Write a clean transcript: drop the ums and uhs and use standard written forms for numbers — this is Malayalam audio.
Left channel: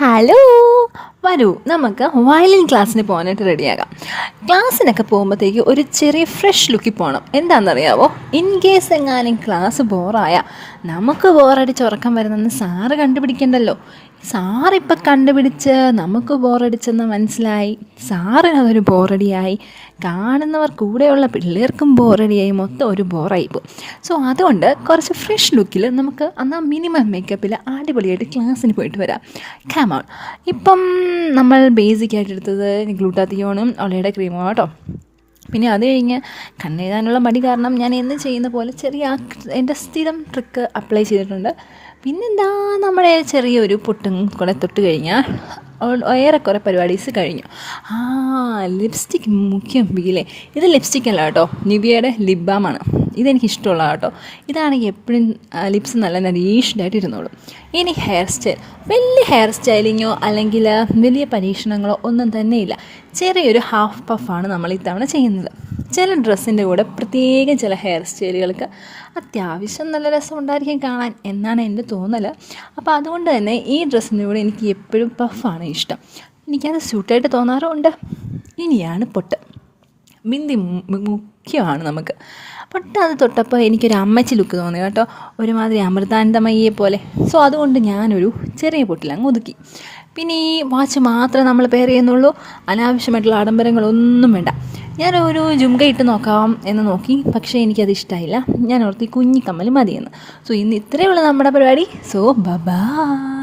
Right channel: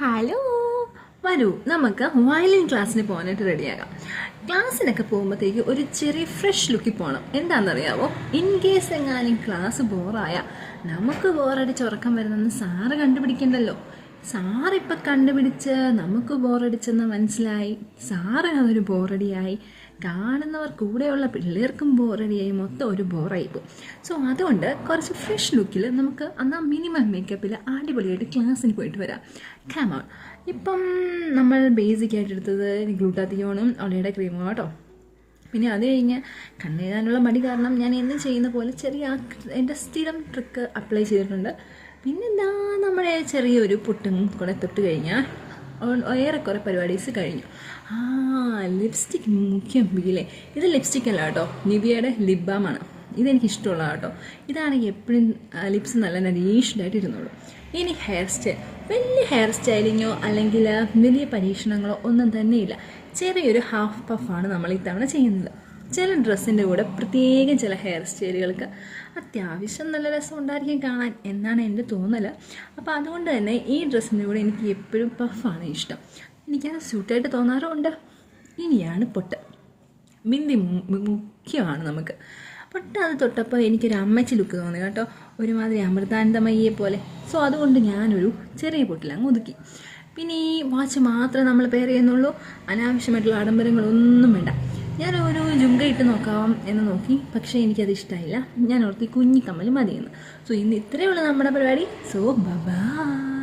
ഹലോ, വരൂ നമുക്ക് വയലിൻ ക്ലാസ്സിന് പോകാനായിട്ട് റെഡിയാകാം. ക്ലാസ്സിനൊക്കെ പോകുമ്പോഴത്തേക്ക് ഒരു ചെറിയ ഫ്രഷ് ലുക്കിൽ പോകണം. എന്താണെന്നറിയാവോ? ഇൻ കേസ് എങ്ങാനും ക്ലാസ് ബോറായ നമുക്ക് ബോറടിച്ച് ഉറക്കം വരുന്നെന്ന് സാറ് കണ്ടുപിടിക്കണ്ടല്ലോ. സാറിപ്പം കണ്ടുപിടിച്ച് നമുക്ക് ബോറടിച്ചെന്ന് മനസ്സിലായി, സാറിനതൊരു ബോറടിയായി, കാണുന്നവർ കൂടെയുള്ള പിള്ളേർക്കും ബോറടിയായി, മൊത്തം ഒരു ബോറായിപ്പോൾ. സോ അതുകൊണ്ട് കുറച്ച് ഫ്രഷ് ലുക്കിൽ നമുക്ക് എന്നാൽ മിനിമം മേക്കപ്പിൽ അടിപൊളിയായിട്ട് ക്ലാസ്സിന് പോയിട്ട് വരാം. കാമോൺ. ഇപ്പം നമ്മൾ ബേസിക്കായിട്ട് എടുത്തത് ഗ്ലൂട്ടാത്തിയോണും ഒളയുടെ ക്രീമും കേട്ടോ. പിന്നെ അത് കഴിഞ്ഞ് കണ്ണെഴുതാനുള്ള മടി കാരണം ഞാൻ എന്ന് ചെയ്യുന്ന പോലെ ചെറിയ എൻ്റെ സ്ഥിരം ട്രിക്ക് അപ്ലൈ ചെയ്തിട്ടുണ്ട്. പിന്നെന്താ, നമ്മുടെ ചെറിയൊരു പൊട്ടും കൂടെ തൊട്ട് കഴിഞ്ഞാൽ ഏറെക്കുറെ പരിപാടീസ് കഴിഞ്ഞു. ലിപ്സ്റ്റിക് മുഖ്യം ബീലേ. ഇത് ലിപ്സ്റ്റിക് അല്ല കേട്ടോ, നിവിയയുടെ ലിപ് ബാമാണ്. ഇതെനിക്കിഷ്ടമുള്ള കേട്ടോ. ഇതാണെങ്കിൽ എപ്പോഴും ലിപ്സ് നല്ല നരീഷ്ഡായിട്ട് ഇരുന്നോളും. ഇനി ഹെയർ സ്റ്റൈൽ, വലിയ ഹെയർ സ്റ്റൈലിങ്ങോ അല്ലെങ്കിൽ വലിയ പരീക്ഷണങ്ങളോ ഒന്നും തന്നെയില്ല. ചെറിയൊരു ഹാഫ് പഫാണ് നമ്മൾ ഇത്തവണ ചെയ്യുന്നത്. ചില ഡ്രസ്സിൻ്റെ കൂടെ പ്രത്യേകം ചില ഹെയർ സ്റ്റൈലുകൾക്ക് അത്യാവശ്യം നല്ല രസം ഉണ്ടായിരിക്കും കാണാൻ എന്നാണ് എൻ്റെ തോന്നൽ. അപ്പോൾ അതുകൊണ്ട് തന്നെ ഈ ഡ്രസ്സിൻ്റെ കൂടെ എനിക്ക് എപ്പോഴും പഫാണ് ഇഷ്ടം. എനിക്കത് സ്യൂട്ടായിട്ട് തോന്നാറുമുണ്ട്. ഇനിയാണ് പൊട്ട്. ബിന്ദി മുഖ്യമാണ് നമുക്ക്. പൊട്ട് അത് തൊട്ടപ്പോൾ എനിക്കൊരു അമ്മച്ചി ലുക്ക് തോന്നി കേട്ടോ, ഒരുമാതിരി അമൃതാനന്ദമയ്യെ പോലെ. സോ അതുകൊണ്ട് ഞാനൊരു ചെറിയ പൊട്ടിലങ്ങ് ഒതുക്കി. പിന്നെ ഈ വാച്ച് മാത്രമേ നമ്മൾ പെയർ ചെയ്യുന്നുള്ളൂ, അനാവശ്യമായിട്ടുള്ള ആഡംബരങ്ങളൊന്നും വേണ്ട. ഞാനൊരു ജുംക ഇട്ട് നോക്കാം എന്ന് നോക്കി, പക്ഷേ എനിക്കത് ഇഷ്ടമായില്ല. ഞാൻ ഓർത്തി കുഞ്ഞിക്കമ്മൽ മതിയെന്ന്. സോ ഇന്ന് ഇത്രയേ ഉള്ളൂ നമ്മുടെ പരിപാടി. So by.